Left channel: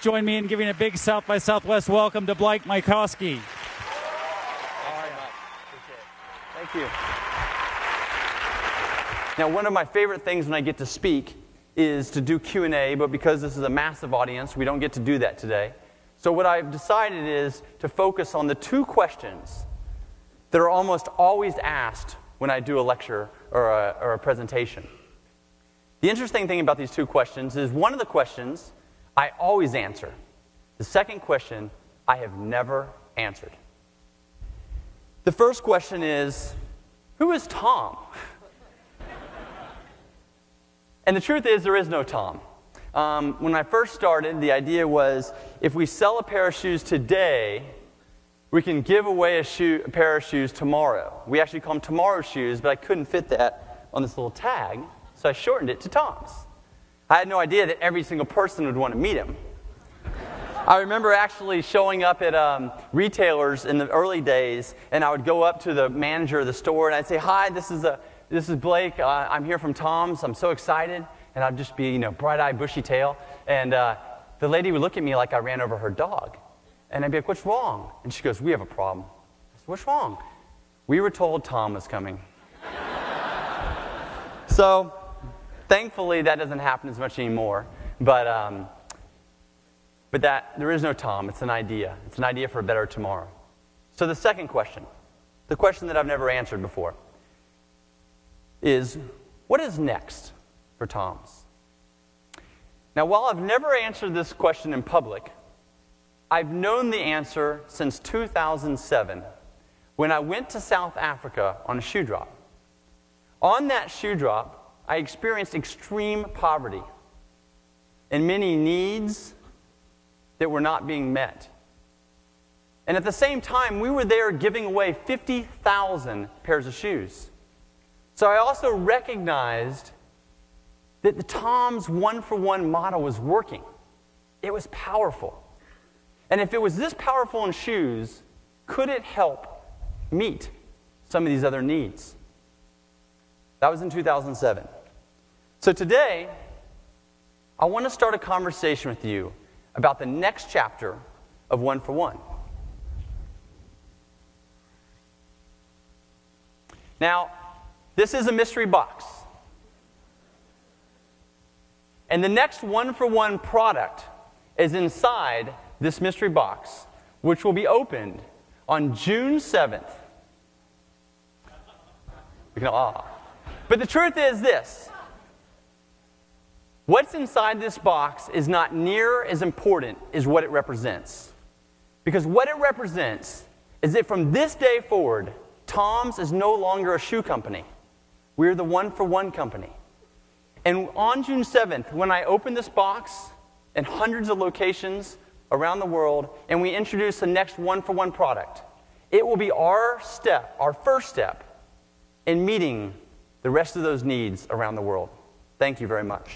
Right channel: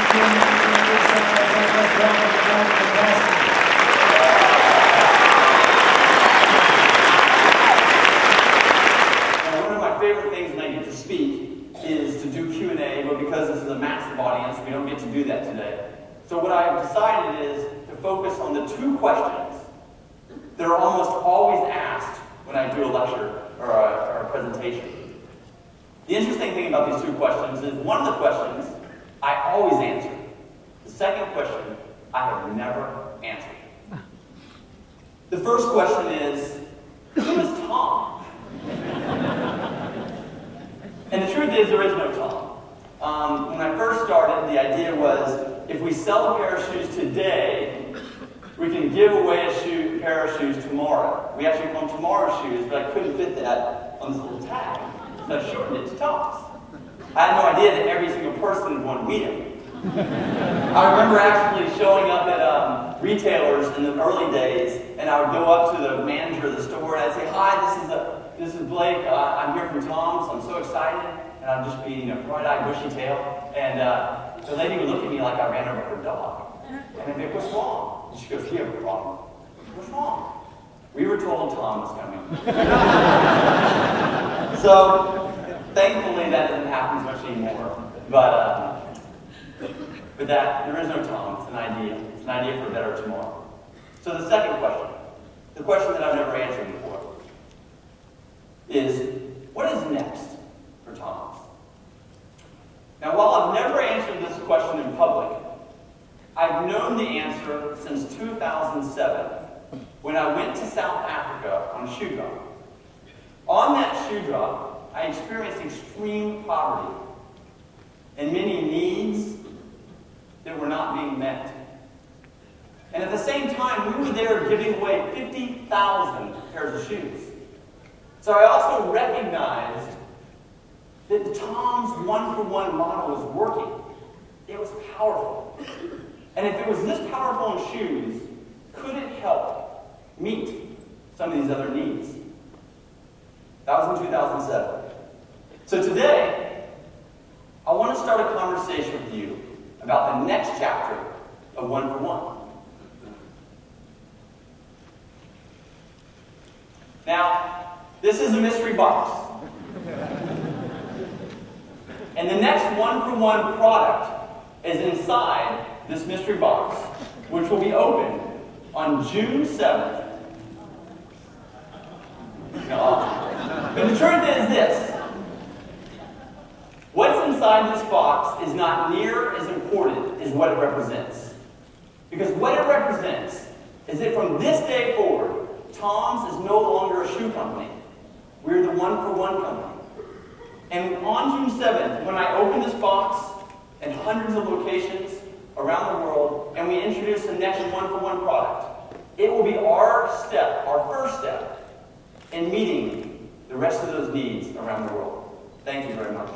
please join me in giving a big South by Southwest welcome to Glenn Minkowski. Now, one of my favorite things when I get to speak is to do Q&A, but because this is a massive audience, we don't get to do that today. So what I've decided is to focus on the two questions that are almost always asked when I do a lecture or a presentation. The interesting thing about these two questions is one of the questions I always answer. The second question I have never answered. The first question is, who is Tom? And the truth is, there is no Tom. When I first started, the idea was, if we sell a pair of shoes today, we can give away a pair of shoes tomorrow. We actually call them tomorrow shoes, but I couldn't fit that on this little tag, so I shortened it to Tom's. I had no idea that every single person would want to meet him. I remember actually showing up at retailers in the early days, and I would go up to the manager of the store, and I'd say, "Hi, this is Blake. I'm here from Tom's. I'm so excited." And I'd just be, bright-eyed, bushy-tailed, and the lady would look at me like I ran over her dog. And I'd be like, "What's wrong?" And she goes, "You have a problem." "What's wrong?" "We were told Tom was coming." So, thankfully, that doesn't happen as much anymore. But there is no Tom. It's an idea. It's an idea for a better tomorrow. So the second question, the question that I've never answered before, is what is next for Tom's? Now, while I've never answered this question in public, I've known the answer since 2007, when I went to South Africa on a shoe drop. On that shoe drop, I experienced extreme poverty and many needs that were not being met. And at the same time, we were there giving away 50,000 pairs of shoes. So I also recognized that the Tom's one-for-one model was working. It was powerful. And if it was this powerful in shoes, could it help meet some of these other needs? That was in 2007. So today, I want to start a conversation with you about the next chapter of One for One. Now, this is a mystery box. And the next one-for-one product is inside this mystery box, which will be opened on June 7th. But the truth is this. What's inside this box is not near as important as what it represents. Because what it represents is that from this day forward, Tom's is no longer a shoe company. We're the one-for-one company. And on June 7th, when I open this box in hundreds of locations around the world, and we introduce the next one-for-one product, it will be our first step in meeting the rest of those needs around the world. Thank you very much.